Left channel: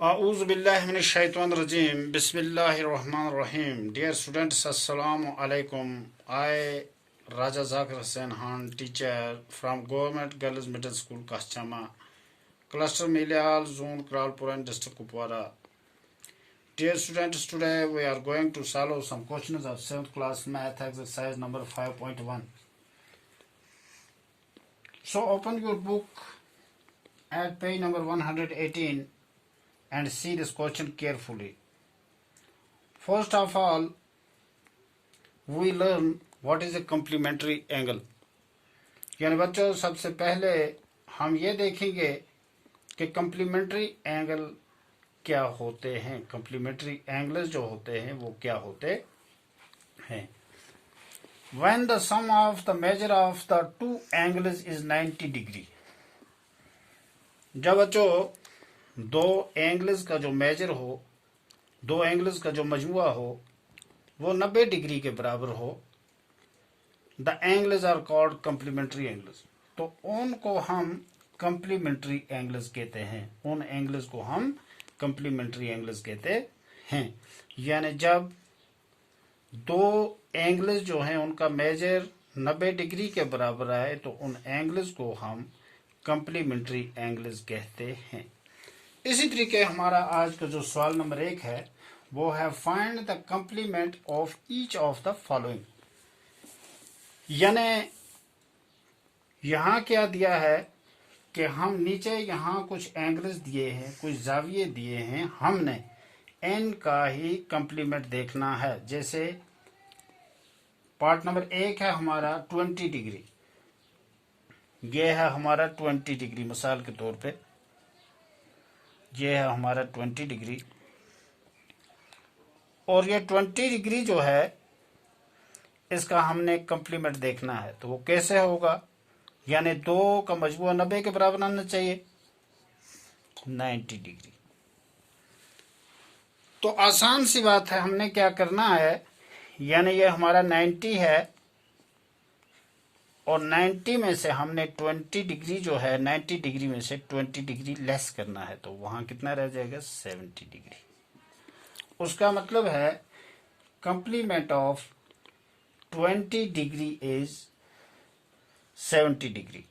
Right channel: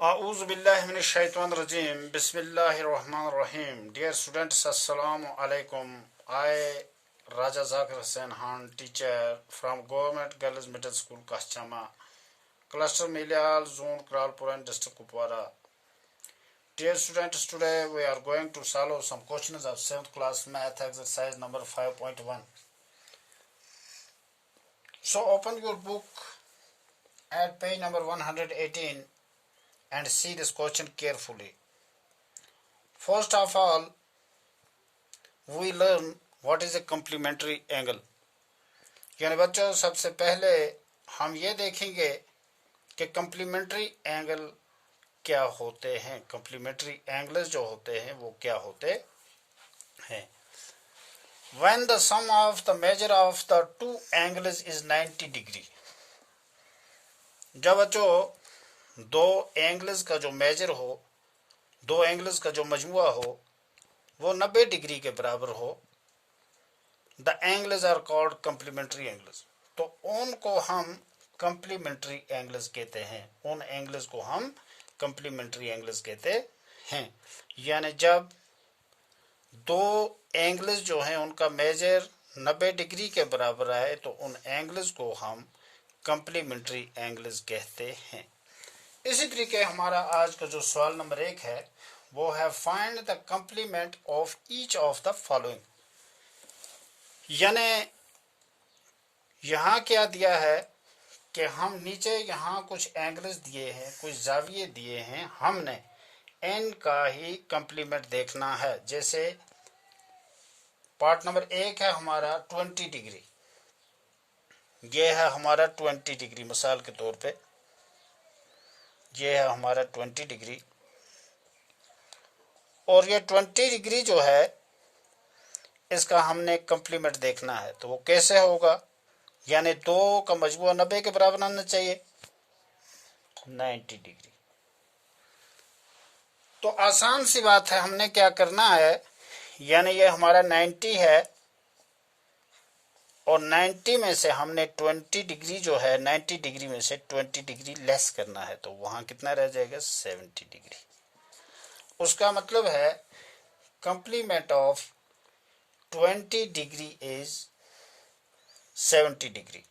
A'udhu billahi minash shaitanir rajim. Bismillahir rahmanir rahim. Dear students, assalamu alaikum. I, Raja Zakir Hussain Khan, teacher from Government Girls Middle School, Kaschama, Cluster Milial, Zone Kralpur and District Kupwara. Dear students, today we are going to solve some questions of 7th class math exercise number 5.1. So open your book at page number 118 and see this question carefully. First of all, we learn what is a complementary angle. यानी बच्चों सबसे पहले हम ये देखेंगे कि complementary angle क्या होते हैं. complementary angles जो होते हैं वो क्या होते हैं. When the sum of the measure of the two angles is 90 degree. जब बच्चों दो एंगल्स का जो मेजर हो, दो एंगल्स का जो मजमुआ हो वो 90 डिग्री के बराबर हो, the angles are called complementary angles. तो उनको हम कम्प्लीमेंट्री एंगल्स कहते हैं. उन एंगल्स को हम कम्प्लीमेंट्री एंगल्स कहते हैं. यानी जब दो एंगल्स जो हैं उनका मेजर 90 डिग्री के बराबर आए तो उन एंगल्स को हम कम्प्लीमेंट्री एंगल्स कहते हैं. इसी तरीके हमारा आज का जो सवाल नंबर 1 है वो है find the complement of each of the following. यानी यहाँ क्या दिया है कि हम नीचे यहाँ कुछ एंगल्स दिए हैं, कुछ जाविये दिए हैं, हमने एन का ही कंप्लीमेंट देखना है. जैसे पार्ट नंबर 1 है हमारा 20 डिग्री, ये है हमारा 20 डिग्री. मिसाल के तौर पे ये है हमारा 20 डिग्री और ये 20 डिग्री जो है इसका हमने कंप्लीमेंट देखना है. तो वो कैसे होगा? यानी दो का मजमूआ 90 के बराबर आना चाहिए, 90 डिग्री. तो आसान सी बात है, हमने क्या करना है, यानी ये हमारा 90 है और 90 में से हमने 20 डिग्री जो है 90 डिग्री में से 20 डिग्री लेस करना है. तो वहाँ कितना रह जाएगा? 70 डिग्री. उसका मतलब है complement of 20 degree is 70 degree.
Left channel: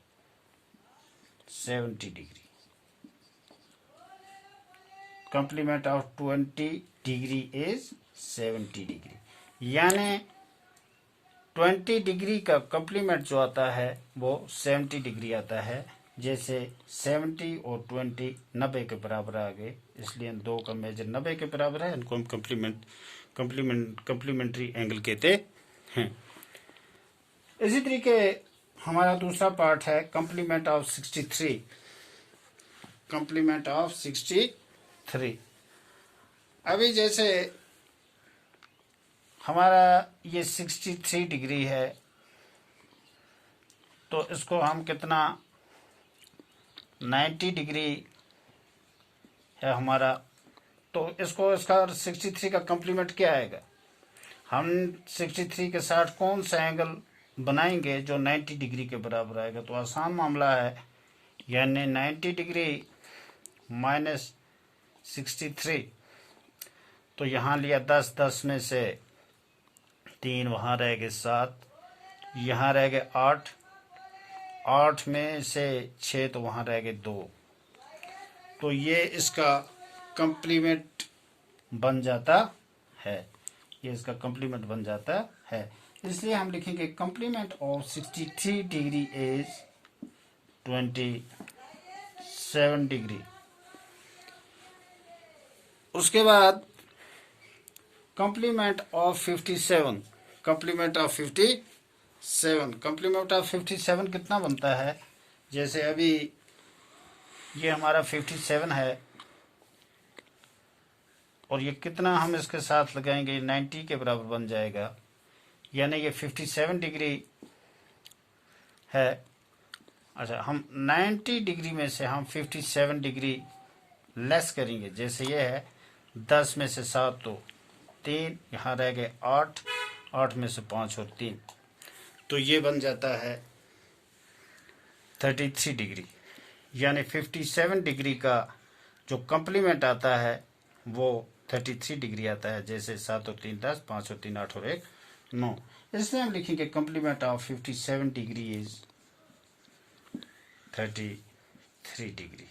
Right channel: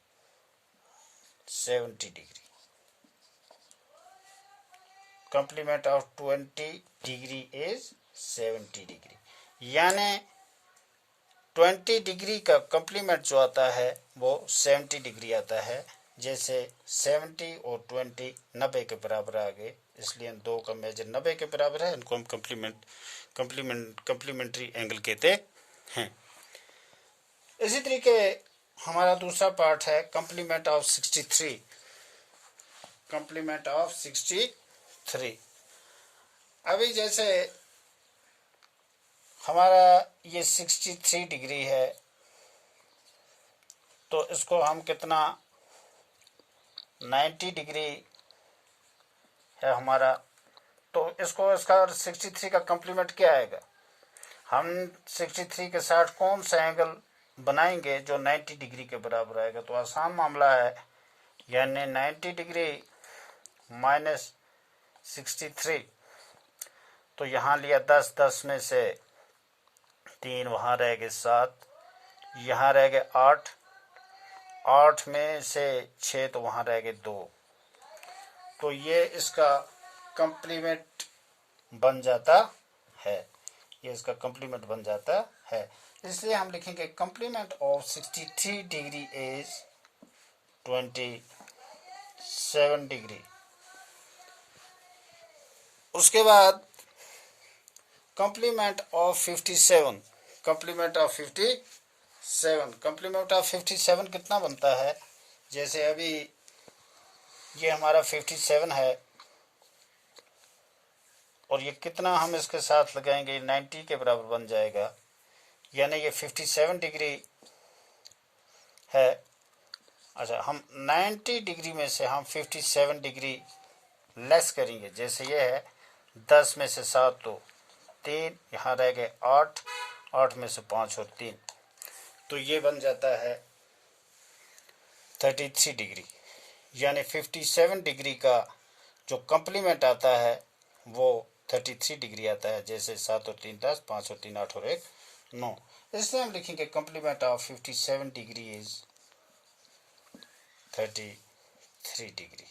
70 degree. Complement of 20 degree is 70 degree. यानी 20 डिग्री का कंप्लीमेंट जो आता है वो 70 डिग्री आता है. जैसे 70 और 20 90 के बराबर आ गए, इसलिए दो का मेजर 90 के बराबर है, इनको हम कंप्लीमेंट्री एंगल कहते हैं. इसी तरीके हमारा दूसरा पार्ट है कंप्लीमेंट ऑफ 63. Complement of 63. अभी जैसे हमारा ये 63 डिग्री है तो इसको हम कितना 90 डिग्री है हमारा, तो इसको इसका 63 का कंप्लीमेंट क्या आएगा? हम 63 के साथ कौन सा एंगल बनाएंगे जो 90 डिग्री के बराबर आएगा? तो आसान मामला है, यानी 90 डिग्री माइनस 63. तो यहाँ लिया 10, 10 में से 3, वहाँ रह गए 7, यहाँ रह गए 8, 8 में से 6 तो वहाँ रह गए 2. तो ये इसका कंप्लीमेंट बन जाता है, ये इसका कंप्लीमेंट बन जाता है. इसलिए हम लिखेंगे complement of 63 degree is 27 degree. उसके बाद complement of 57. Complement of 57. Complement of 57 कितना बनता है? जैसे अभी ये हमारा 57 है और ये कितना हम इसके साथ लगाएंगे, 90 के बराबर बन जाएगा. यानी ये 57 डिग्री है. अच्छा, हम 90 डिग्री में से हम 57 डिग्री लेस करेंगे. जैसे ये है 10 में से 7 तो 3, यहाँ रह गए 8, 8 में से 5 और 3, तो ये बन जाता है 33 डिग्री. यानी 57 डिग्री का जो कम्प्लीमेंट आता है वो 33 डिग्री आता है, जैसे 7 और 3 10, 5 और 3 8 और 1 9। इसलिए हम लिखेंगे complement of 57 degree is 33 degree.